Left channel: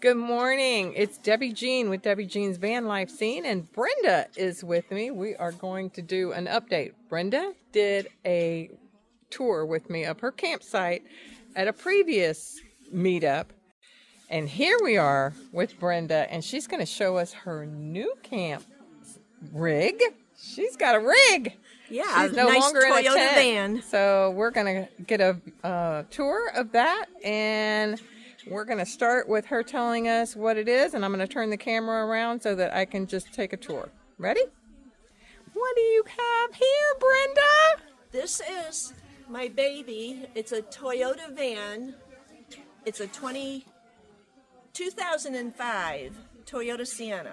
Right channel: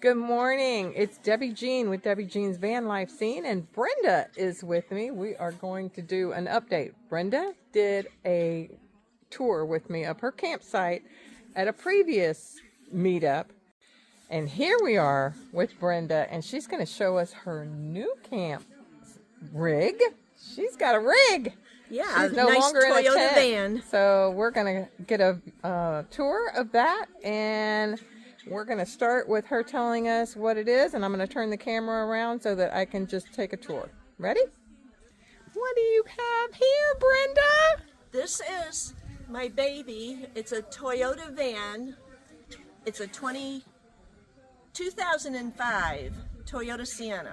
Good morning. It's Debbie Jean with Debbie Jean's Van Life Scene, and Brenda is with me. We are going to do an update. Brenda did a tour with me of her campsite at a previous meetup, and here we are with Brenda, and she's going to show us her new camp rig. She's got a rig. Yeah, she's no nice longer in a Toyota tent. van. So we're going to get a tour of that, and we're going to start with her telling us what it is, and I'm going to turn the camera around so that I can just take a tour. Ready? What do you have here, Brenda? This is my baby. It's a Toyota van. It's a 2005 Toyota Sienna.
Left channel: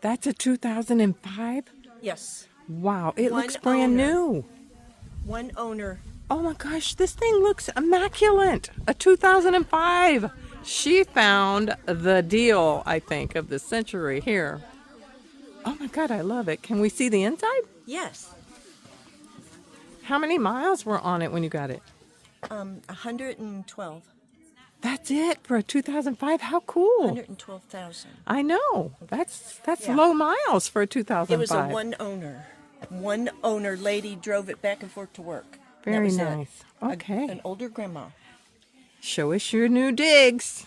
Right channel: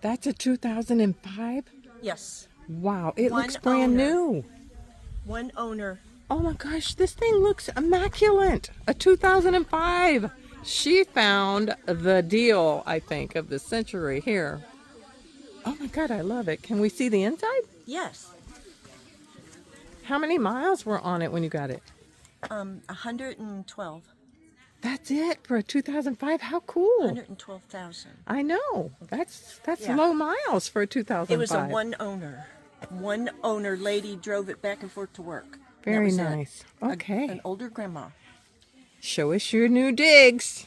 That's a 2005? Yes. Wow, it One looks brand owner. new. One owner. Oh my gosh, this thing looks immaculate. A 2005. She found the deal, I think, of the century here. Oh my God, I love it. Can we see the inside? Yes. How many miles were on it when you got it? 112. That's it for a 2005? How cool. 112,000. I know. That's Yeah. low miles for a 2005. It was a one owner. One owner lady drove it back and forth to work. Very That was it. nice. Okay. An older grandma. Show us your new digs.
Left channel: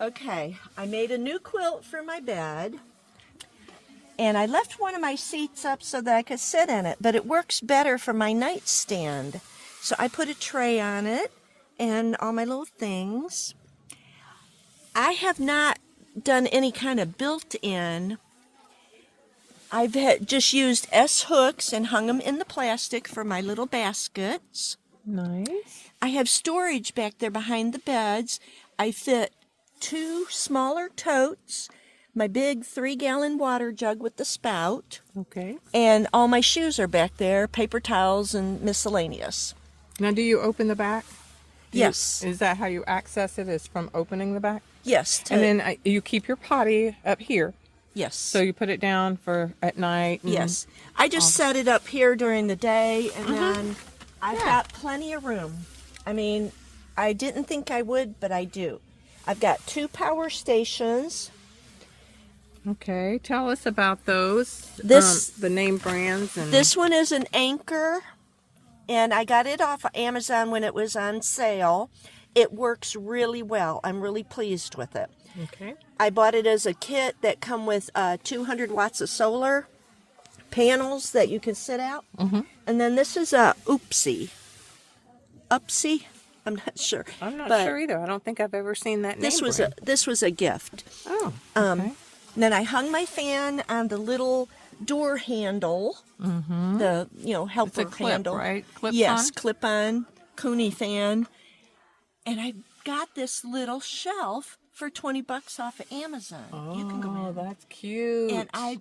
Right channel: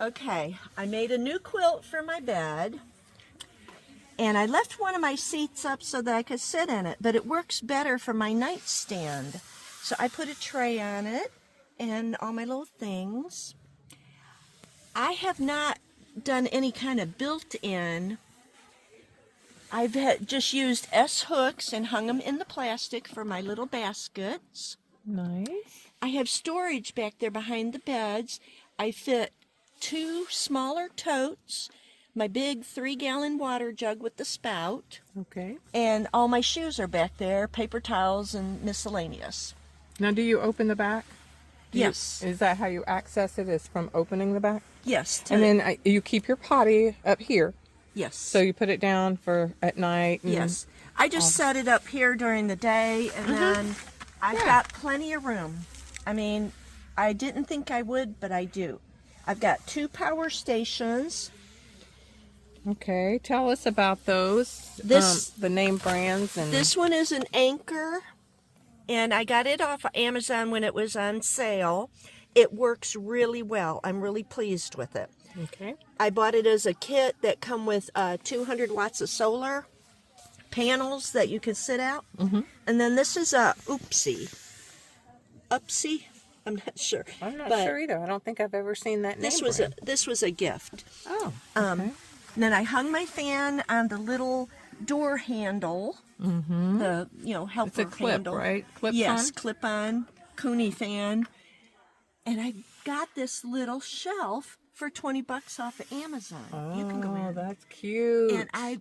Okay, I made a new quilt for my bed, and I left one of my seats up so that I could sit in it, but it works better for my nightstand. So I put a tray on it and all my little things. I have not done any kind of built-in. I've just used S-hooks and hung them in the plastic for my little baskets. Nice. I have storage back there behind the beds. I fit 2 smaller totes, my big 3-gallon water jug with the spout, Okay. and all my shoes are back there, paper towels and miscellaneous. Now, do you open the back? Yes. Is that how you access it, is from opening the back? Yes. And then you keep your potty up here. yes. So you put it down for at night. And yes. I just set it up here during the day, and then I've Yeah. got plenty of room. I mean, I didn't think I would, but I do. I've got 2 power stations. Okay. Tell us about those. This- the name brands. And This one is an Anchor, and I got it off of Amazon when it was on sale. It works really well. I'm really pleased with it. Okay. I bought it as a kit that come with 200 watts of solar panels that you can sit out. And then this is a Upsy. I'm not sure. I'm not But sure either. I don't think I've ever seen that This name was brand. this was a gift. Oh. Okay. Then I hung my fan on the little door handle. The helper It's a clip, handle. right? Clip Yes, on? clip on Cooney fan. And I got this little shelf for $20 off of Amazon. You can go Oh, in. that's cute. And I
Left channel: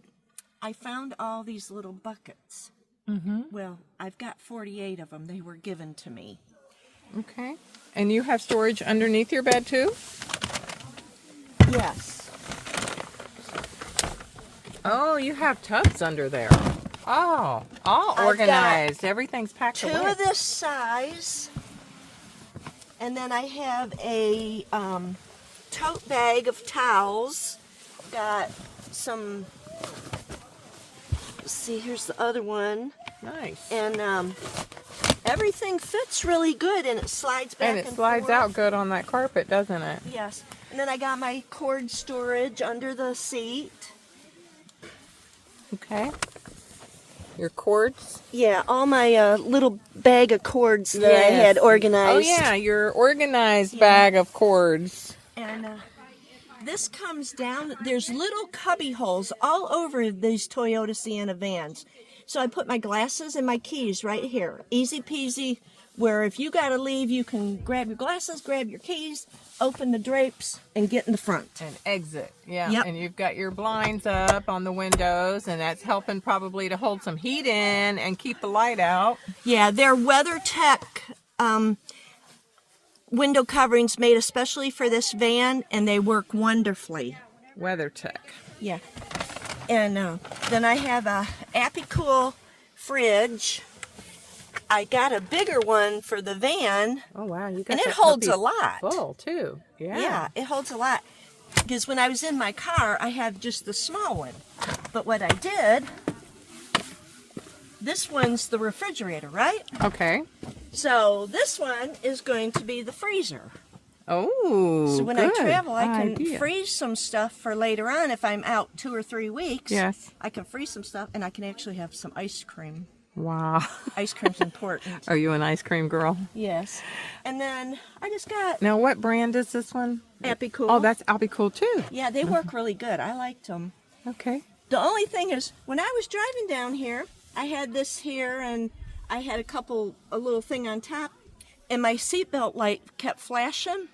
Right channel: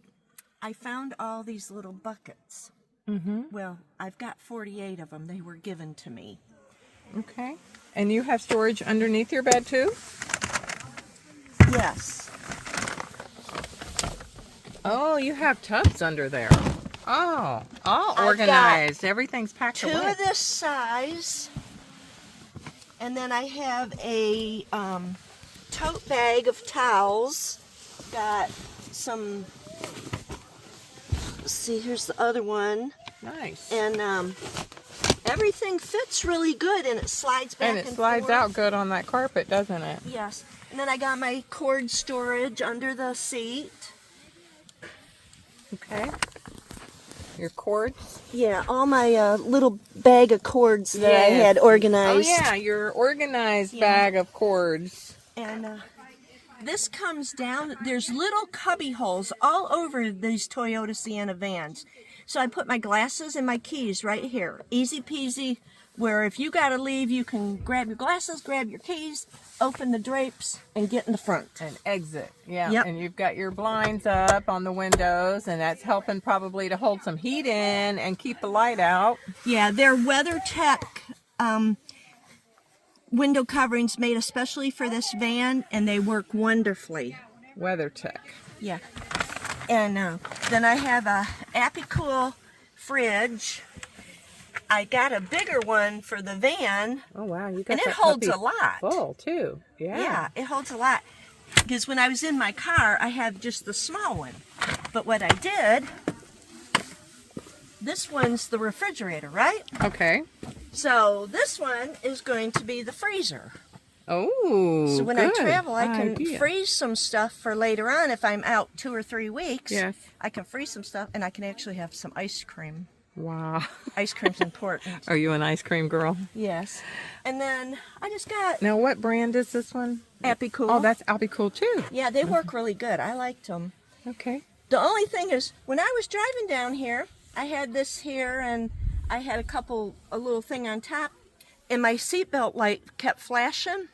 found all these little buckets. Well, I've got 48 of them. They were given to me. Okay. And you have storage underneath your bed too? Yes. Oh, you have tubs under there. Oh, all got organized. Everything's packed 2 away. of this size. And then I have a tote bag of towels. Got some, let's see, here's the other one. Nice. And everything fits really good, and it slides back And and it slides forth. out good on that carpet, doesn't it? Yes. And then I got my cord storage under the seat. Okay. Your cords. Yeah, all my little bag of cords that I Yes. had organized. Oh yeah, your organized bag of cords. And this comes down. There's little cubby holes all over these Toyota Sienna vans. So I put my glasses and my keys right here. Easy peasy, where if you got to leave, you can grab your glasses, grab your keys, open the drapes, and get in the front. And exit. Yeah. Yep. And you've got your blinds up on the windows, and that's helping probably to hold some heat in and keep the light out. Yeah, they're WeatherTech window coverings made especially for this van, and they work wonderfully. WeatherTech. Yeah. And then I have a Apicool fridge. I got a bigger one for the van. Oh wow, you got And it that holds puppy a lot. full too. Yeah, it holds a lot. Because when I was in my car, I have just the small one. But what I did, this one's the refrigerator, right? Okay. So this one is going to be the freezer. Oh, So when good I travel, I can idea. freeze some stuff for later on. If I'm out 2 or 3 weeks, Yes. I can freeze some stuff, and I can actually have some ice cream. Wow. Ice cream's important. Are you an ice cream girl? Yes. And then I just got Now, what brand is this one? Appy Cool. Oh, that's I'll be cool too. Yeah, they work really good. I liked them. Okay. The only thing is, when I was driving down here, I had this here, and I had a little thing on top, and my seatbelt light kept flashing.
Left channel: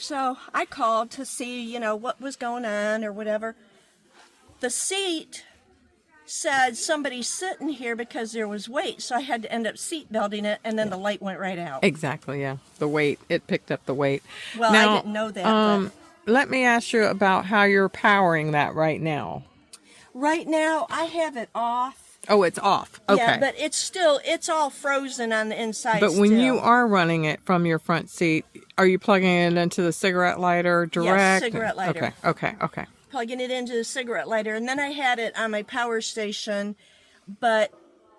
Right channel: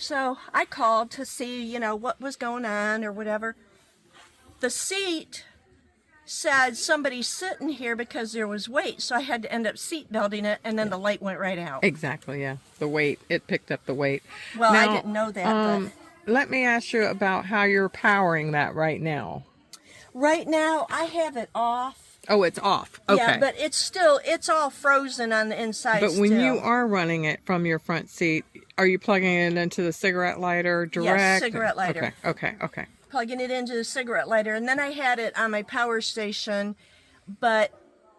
So I called to see, what was going on or whatever. The seat said somebody's sitting here because there was weight, so I had to end up seat belting it, and then the light went right out. Exactly, yeah. The weight, it picked up the weight. Well, Now, I didn't know that, but let me ask you about how you're powering that right now. right now I have it off. Oh, it's off. Okay. Yeah, but it's all frozen on the inside. But when still. you are running it from your front seat, are you plugging it into the cigarette lighter direct? Yes, cigarette lighter. Okay. Plugging it into the cigarette lighter, and then I had it on my power station, but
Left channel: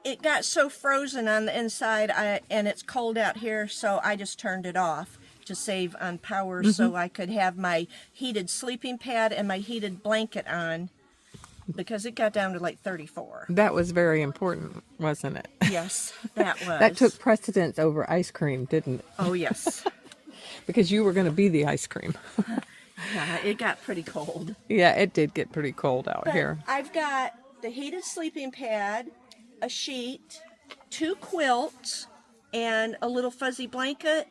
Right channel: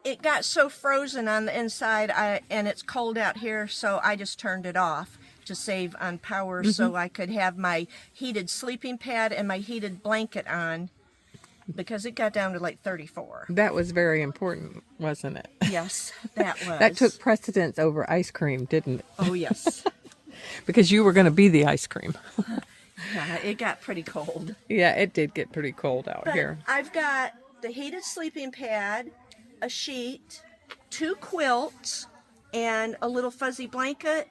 it got so frozen on the inside, and it's cold out here, so I just turned it off to save on power, so I could have my heated sleeping pad and my heated blanket on, because it got down to like 34. That was very important, wasn't it? Yes, that was. That took precedence over ice cream, didn't it? Oh, yes. Because you were going to be the ice cream. Yeah, it got pretty cold. Yeah, it did get pretty cold out But here. I've got the heated sleeping pad, a sheet, 2 quilts, and a little fuzzy blanket,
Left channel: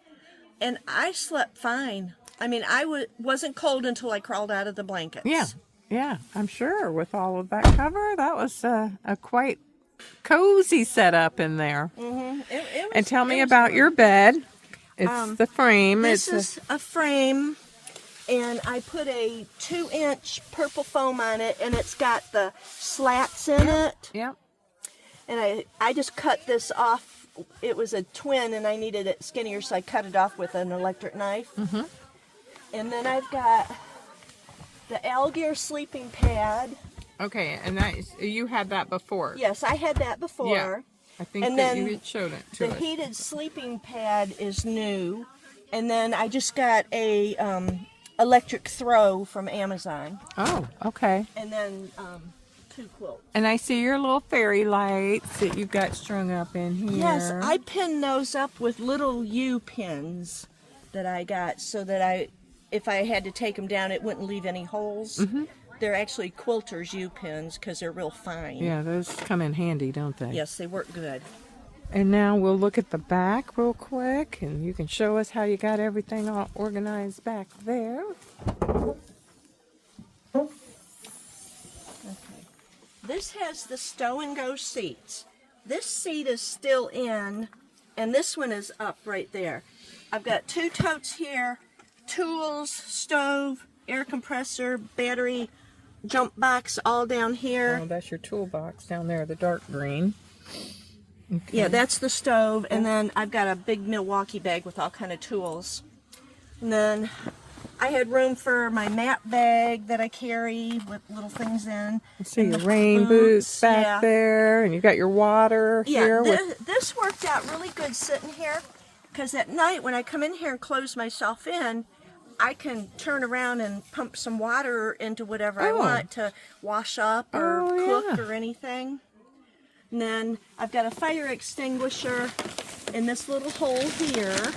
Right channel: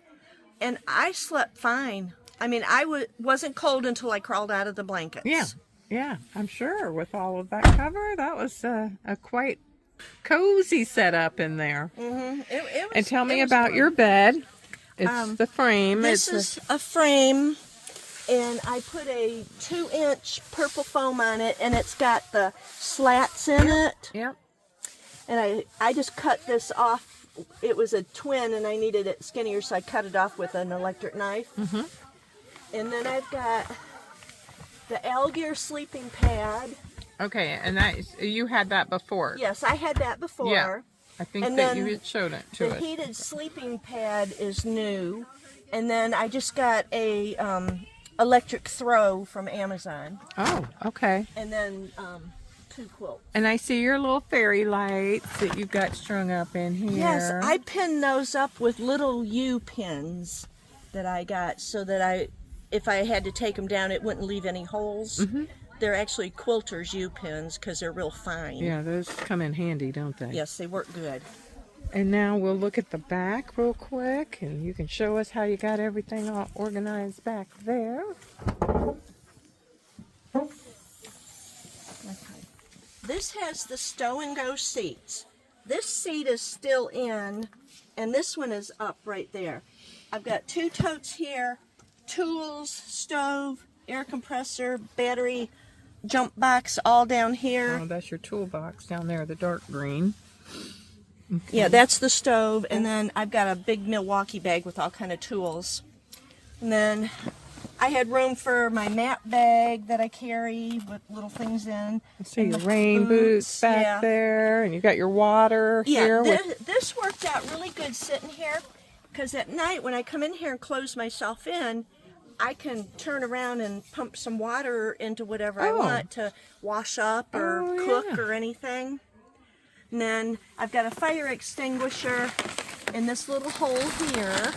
and I slept fine. I mean, I wasn't cold until I crawled out of the blankets. Yeah, I'm sure with all of that cover, that was a quite cozy setup in there. Mm-hmm. And tell me about your bed. It's the frame. This is a frame, and I put a 2-inch purple foam on it, and it's got the slats in it. Yep. And I just cut this off. It was a twin, and I needed it skinnier, so I cut it off with an electric knife. Mm-hmm. And then I've got the Algier sleeping pad. Okay, and you had that before. Yes, I had that before. Yeah. I think And that then you had showed it to The us. heated sleeping pad is new. And then I just got a electric throw from Amazon. Oh, okay. And then 2 quilts. And I see your little fairy lights that you've got strung up in here. Yes, I pinned those up with little U pins that I got so that if I had to take them down, it wouldn't leave any holes. Mm-hmm. They're actually quilters U pins because they're real fine. Yeah, those come in handy, don't they? Yes, they work good. And now we'll look at the back real quick, and you can show us how you got everything all organized back there. Okay. This has the stow and go seats. This seat is still in, and this one is up right there. I've got 2 totes here, tools, stove, air compressor, battery, jump box all down here. Oh, that's your toolbox down there, the dark green. Okay. Yeah, that's the stove, and then I've got a big Milwaukee bag with all kind of tools. And then I had room for my mat bag that I carry with little things in. I see your rain boots back there, and you got your water here. This worked out really good sitting here, because at night when I come in here and close myself in, I can turn around and pump some water into whatever I want to wash up or cook or anything. And then I've got a fire extinguisher in this little hole here,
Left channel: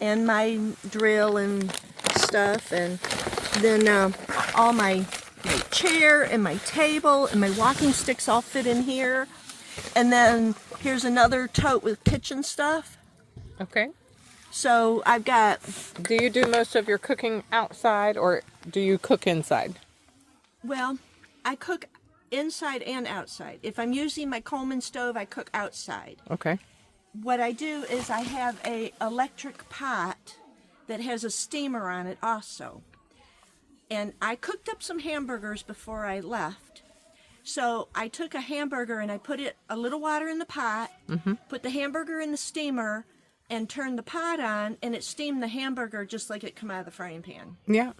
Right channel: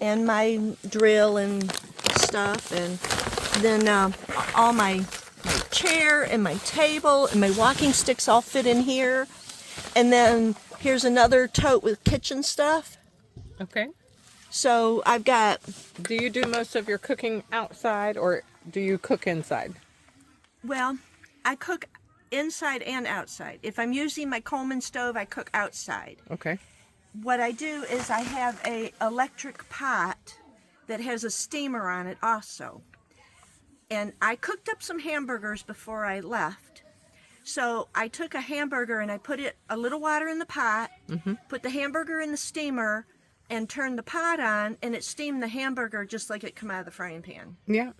and my drill and stuff, and then all my chair and my table and my walking sticks all fit in here. And then here's another tote with kitchen stuff. Okay. So I've got... Do you do most of your cooking outside, or do you cook inside? Well, I cook inside and outside. If I'm using my Coleman stove, I cook outside. Okay. What I do is I have a electric pot that has a steamer on it also. And I cooked up some hamburgers before I left. So I took a hamburger and I put a little water in the pot, put the hamburger in the steamer, and turned the pot on, and it steamed the hamburger just like it come out of the frying pan. Yeah.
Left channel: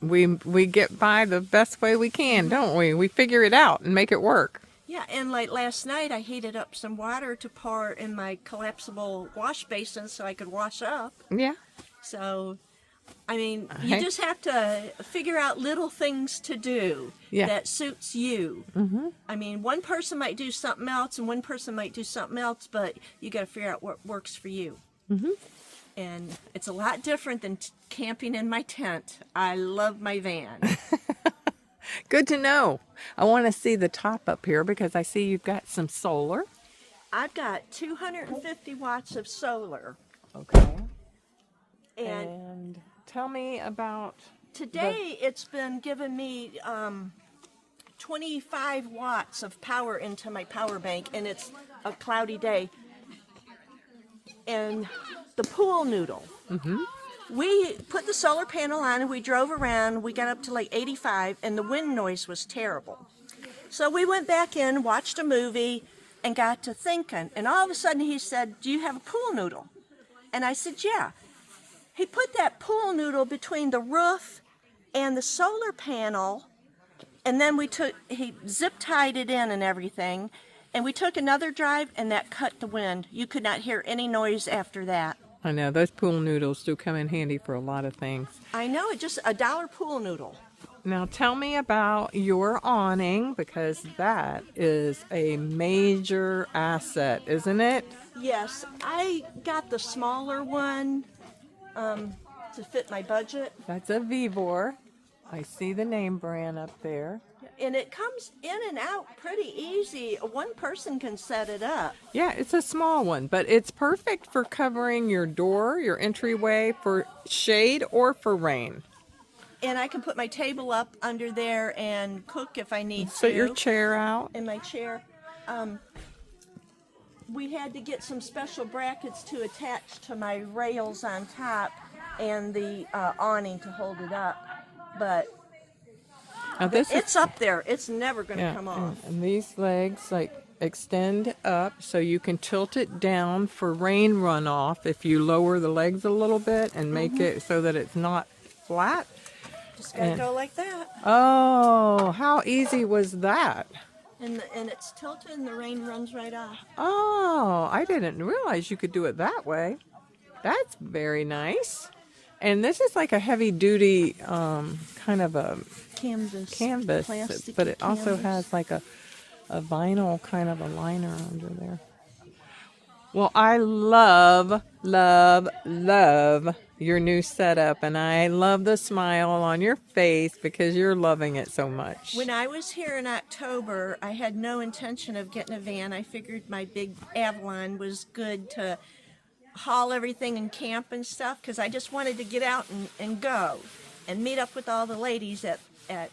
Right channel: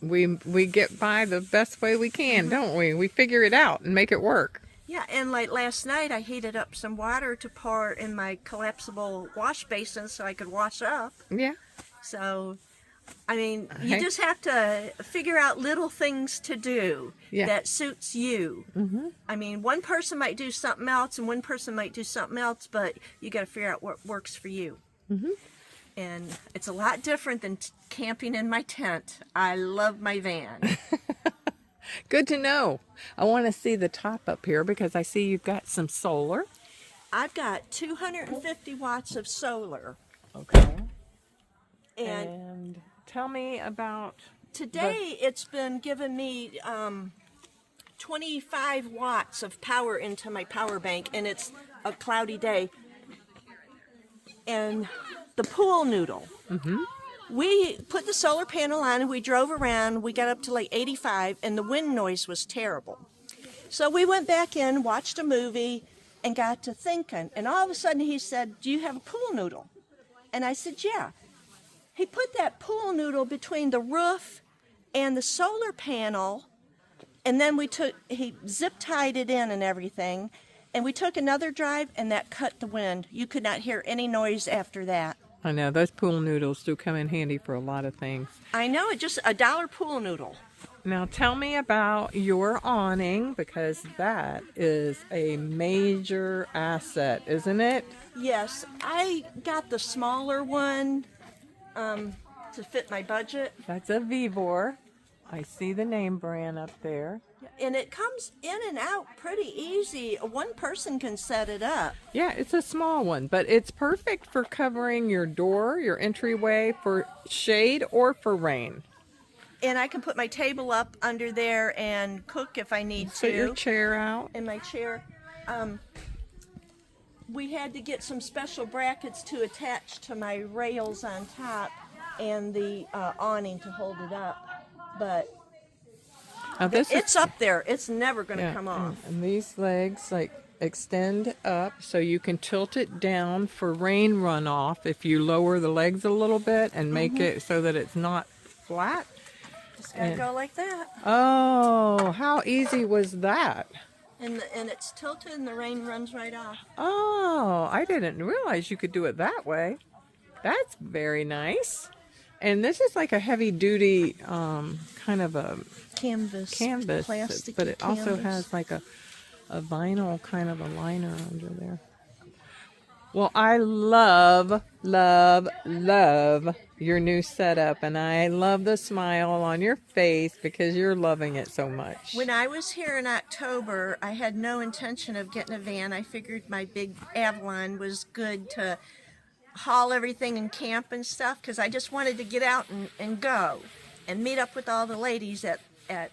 We get by the best way we can, don't we? We figure it out and make it work. Yeah, and like last night, I heated up some water to pour in my collapsible wash basin so I could wash up. Yeah. So, I mean, you Hey. just have to figure out little things to do that suits you. Mm-hmm. I mean, one person might do something else and one person might do something else, but you got to figure out what works for you. Mm-hmm. And it's a lot different than camping in my tent. I love my van. Good to know. I want to see the top up here because I see you've got some solar. I've got 250 watts of solar. Okay. And tell me about today it's been giving me 25 watts of power into my power bank, and it's a cloudy day. And the pool noodle. Mm-hmm. We put the solar panel on and we drove around. We got up to like 85 and the wind noise was terrible. So we went back in, watched a movie, and got to thinking. And all of a sudden he said, "Do you have a pool noodle?" And I said, "Yeah." He put that pool noodle between the roof and the solar panel, and then he zip tied it in and everything. And we took another drive and that cut the wind. You could not hear any noise after that. I know those pool noodles do come in handy for a lot of things. I know, it's just $1 pool noodle. Now tell me about your awning because that is a major asset, isn't it? Yes, I got the smaller one to fit my budget. That's a Vivor. I see the name brand up there. And it comes in and out pretty easy. One person can set it up. Yeah, it's a small one, but it's perfect for covering your door, your entryway, for shade or for rain. And I can put my table up under there and cook if I need to. Put your chair out. And my chair. We had to get some special brackets to attach to my rails on top and the awning to hold it up. But Now this it's up there. It's never going to come off. And these legs extend up so you can tilt it down for rain runoff if you lower the legs a little bit and make it so that it's not flat. Just got to go like that. Oh, how easy was that? And it's tilted and the rain runs right off. Oh, I didn't realize you could do it that way. That's very nice. And this is like a heavy duty kind of a canvas, but it also has like a vinyl kind of a liner under there. Well, I love, love, love your new setup, and I love the smile on your face because you're loving it so much. When I was here in October, I had no intention of getting a van. I figured my big Avalon was good to haul everything and camp and stuff because I just wanted to get out and go and meet up with all the ladies at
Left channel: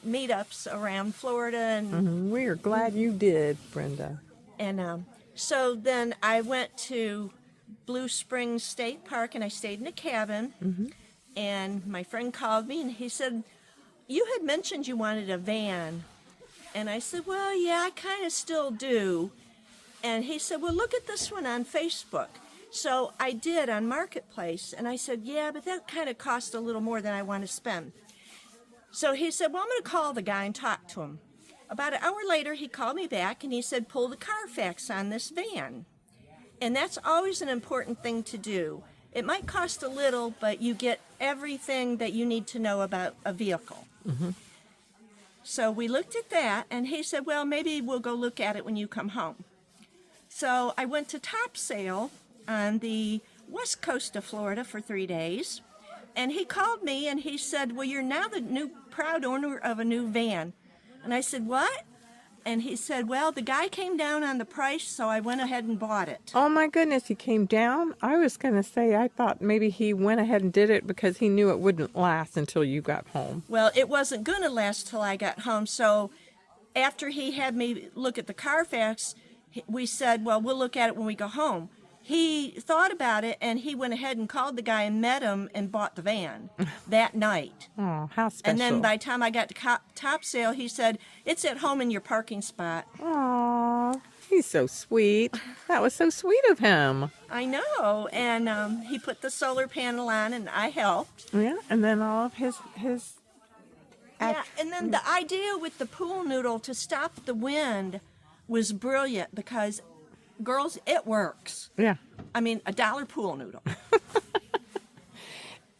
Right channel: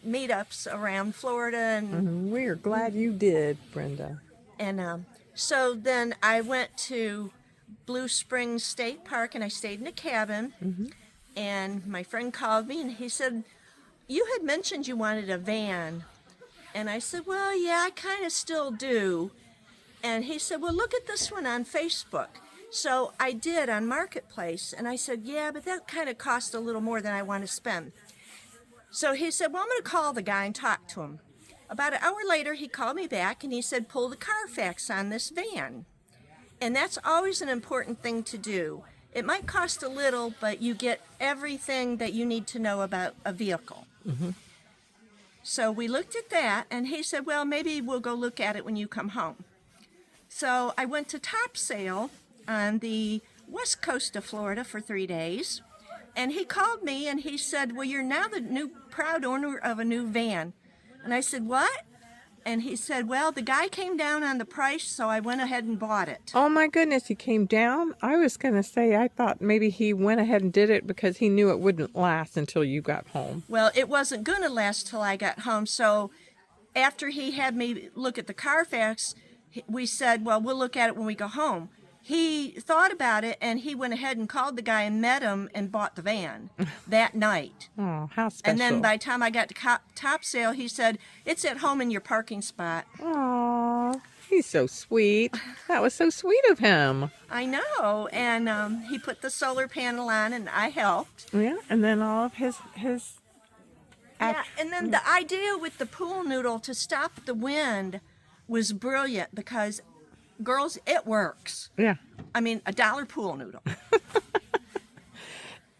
meetups around Florida. And we're glad you did, Brenda. And so then I went to Blue Springs State Park and I stayed in a cabin. And my friend called me and he said, "You had mentioned you wanted a van." And I said, "Well, yeah, I kind of still do." And he said, "Well, look at this one on Facebook." So I did on Marketplace, and I said, "Yeah, but that kind of cost a little more than I want to spend." So he said, "Well, I'm going to call the guy and talk to him." About an hour later, he called me back, and he said, "Pull the Carfax on this van." And that's always an important thing to do. It might cost a little, but you get everything that you need to know about a vehicle. So we looked at that, and he said, "Well, maybe we'll go look at it when you come home." So I went to Top Sale on the west coast of Florida for 3 days. And he called me and he said, "Well, you're now the new proud owner of a new van." And I said, "What?" And he said, "Well, the guy came down on the price, so I went ahead and bought it." Oh my goodness, he came down? I was going to say, I thought maybe he went ahead and did it because he knew it wouldn't last until you got home. Well, it wasn't going to last till I got home. So after he had me look at the Carfax, we said, "Well, we'll look at it when we go home." He thought about it, and he went ahead and called the guy and met him and bought the van that night. Oh, how special. And then by the time I got to Top Sale, he said, "It's at home in your parking spot." Aw, he's so sweet. That was so sweet of him. I know. And he put the solar panel on, and I helped. Yeah, and then all of his Yeah, and then the idea with the pool noodle to stop the wind was brilliant because, girls, it works. Yeah. I mean, $1 pool noodle.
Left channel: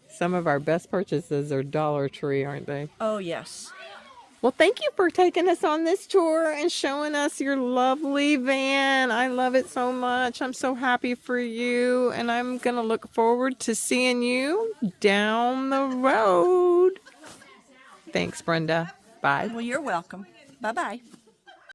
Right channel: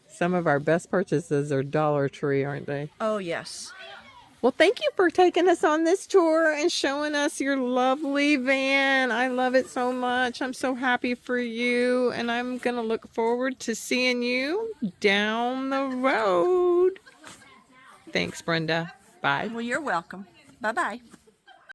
Some of our best purchases are Dollar Tree, aren't they? Oh, yes. Well, thank you for taking us on this tour and showing us your lovely van. I love it so much. I'm so happy for you, and I'm going to look forward to seeing you down the road. Thanks, Brenda. Bye. Well, you're welcome. Bye-bye.